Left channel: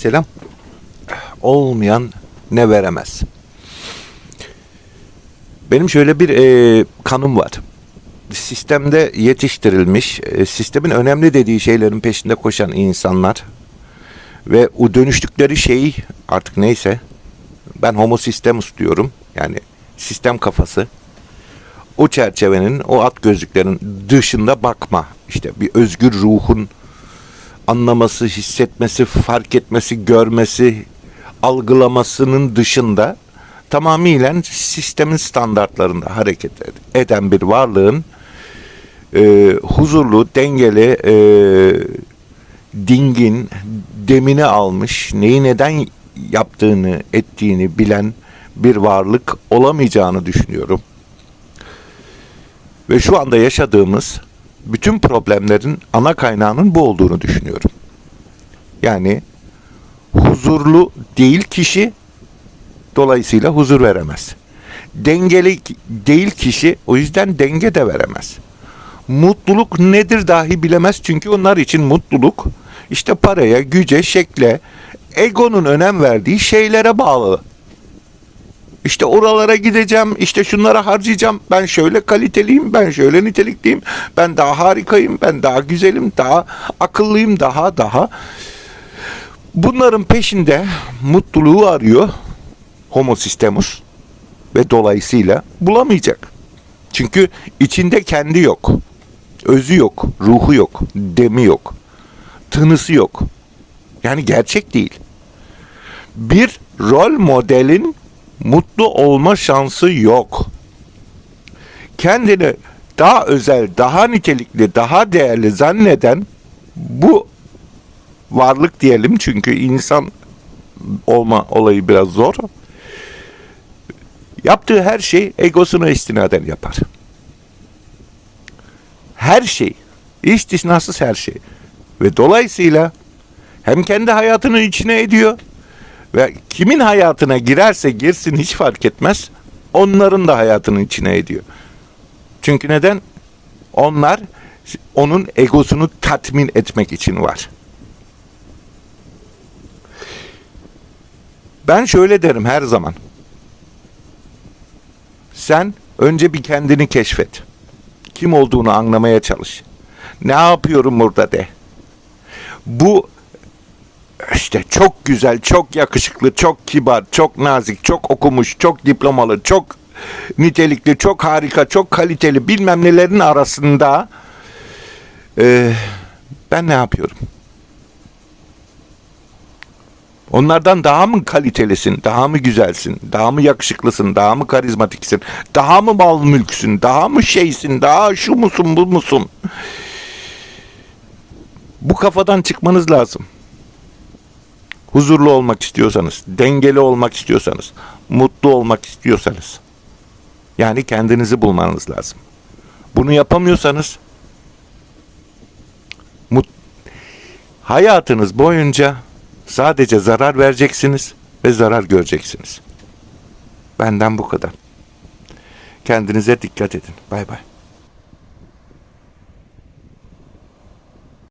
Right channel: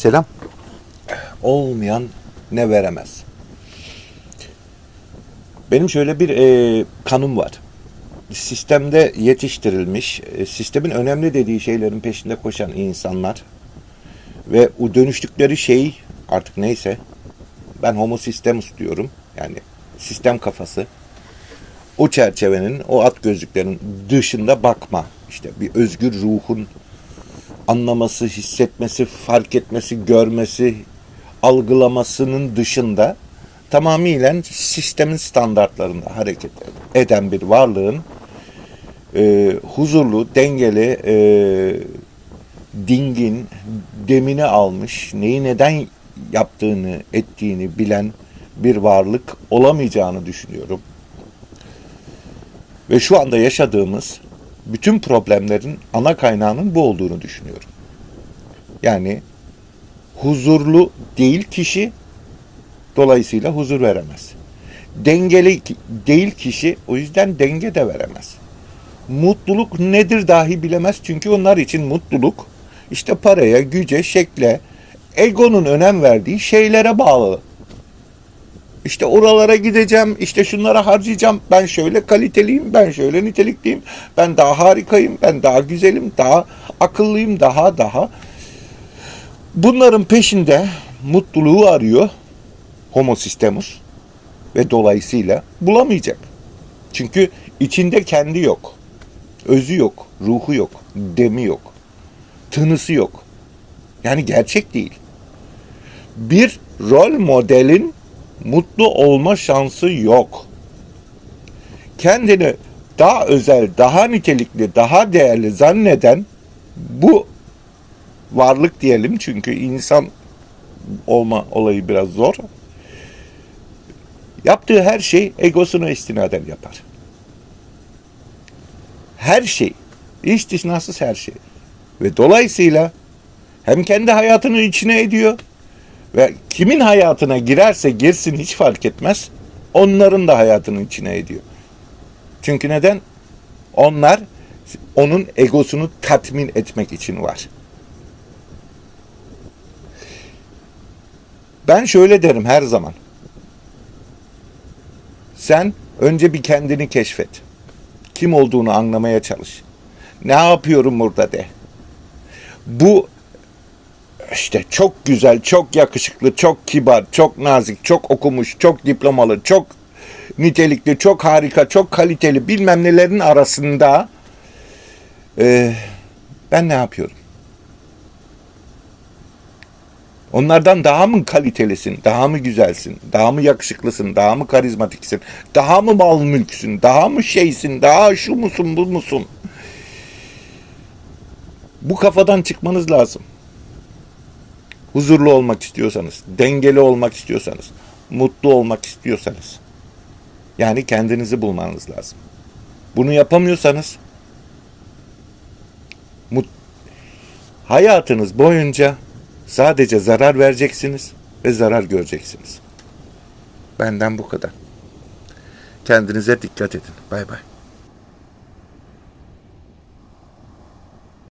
Selam. Olmayan ne veremez. Benim şöyle bir e, kanım var. Sistemde yetiştirilmiş, e, sistemin önemli dediği şeylerin peşinde koşan insanlar ve o dönüştükleri şey artık neyse ben homo systemus diyorum. Yani sistem kafası. O çerçevenin, o at gözlüklerin dışında bakma. İşte bir özgür ruhun anlaması, hissetmesi, fark etmesi, görmesi, algılamasının dışında tamamıyla sistemin standartlarında hareket ed- eden bir varlığın e, huzurlu, dengeli, e, dingin, demini almış, neyi neden yaptığını, ettiğini bilen bir varlık olamayacağını düşünüyorum. Ve şu anda yaşadığımız bütün problemlerin ana kaynağının bu olduğunu düşünüyorum. Yani huzurlu değil kişi dolayısıyla huzur veremez. Dengeli değil kişi o yüzden denge de veremez. Mutluluk nedir dahi bilemez çünkü onlar için mutluluk işte paraya, güce, şekle, egonun önem verdiği şeylere bağlı. İşte oralara gideceğim, işte şunlara harcayacağım. Ben şöyle kaliteliyim, ben şöyle nitelikliyim. Ben daha harikayım, ben daha güzelim, daha akıllıyım, daha daha. Bunların peşinde mutluluğu arıyor Homo Systemus ve dolayısıyla bulamayacak. Çünkü içinde kendi yok. Özü yok, ruhu yok, demi yok. Tınısı yok. Yani gerçek değil. Bir rol modelin mutlu olma şansı yok. Kendini daha özel, daha nitelikli, daha değerli zanneden bu varlık diyelim çünkü insan olma olayı biraz zor. Yaptığı her şey egosuna istinaden yapar. Her şey, istisnasız her şey. Ve dolayısıyla hem kendi hayatını içine ediyor ve kimin hayatına girerse girsin hiç fark etmez. Onların da hayatının içine ediyor. Çünkü neden? Onlar onun egosunu tatmin etmek için var. Ben şöyle derim her zaman. Sen önce bir kendini keşfet. Kim olduğunu anlamaya çalış. Ne yapıyorum burada de. Bu işte çok güzel, çok yakışıklı, çok kibar, çok nazik, çok okumuş, çok diplomalı, çok nitelikli, çok harika, çok kaliteli bilmem nelerin arasında e, ben ne yapıyorum? Onlardan daha mı kalitelisin, daha mı güzelsin, daha mı yakışıklısın, daha mı karizmatiksin, daha mı mal mülksün, daha mı şeysin, daha şu musun, bu musun? Bu kafadan çıkmanız lazım. Huzurlu olmak istiyorsanız, dengeli olmak istiyorsanız, mutlu olmak istiyorsanız. Yani kendinizi bulmanız lazım. Bunu yapamıyorsanız mut hayatınız boyunca sadece zarar vereceksiniz ve zarar göreceksiniz. Benden bu kadar. Kendinize dikkat edin. Bay bay.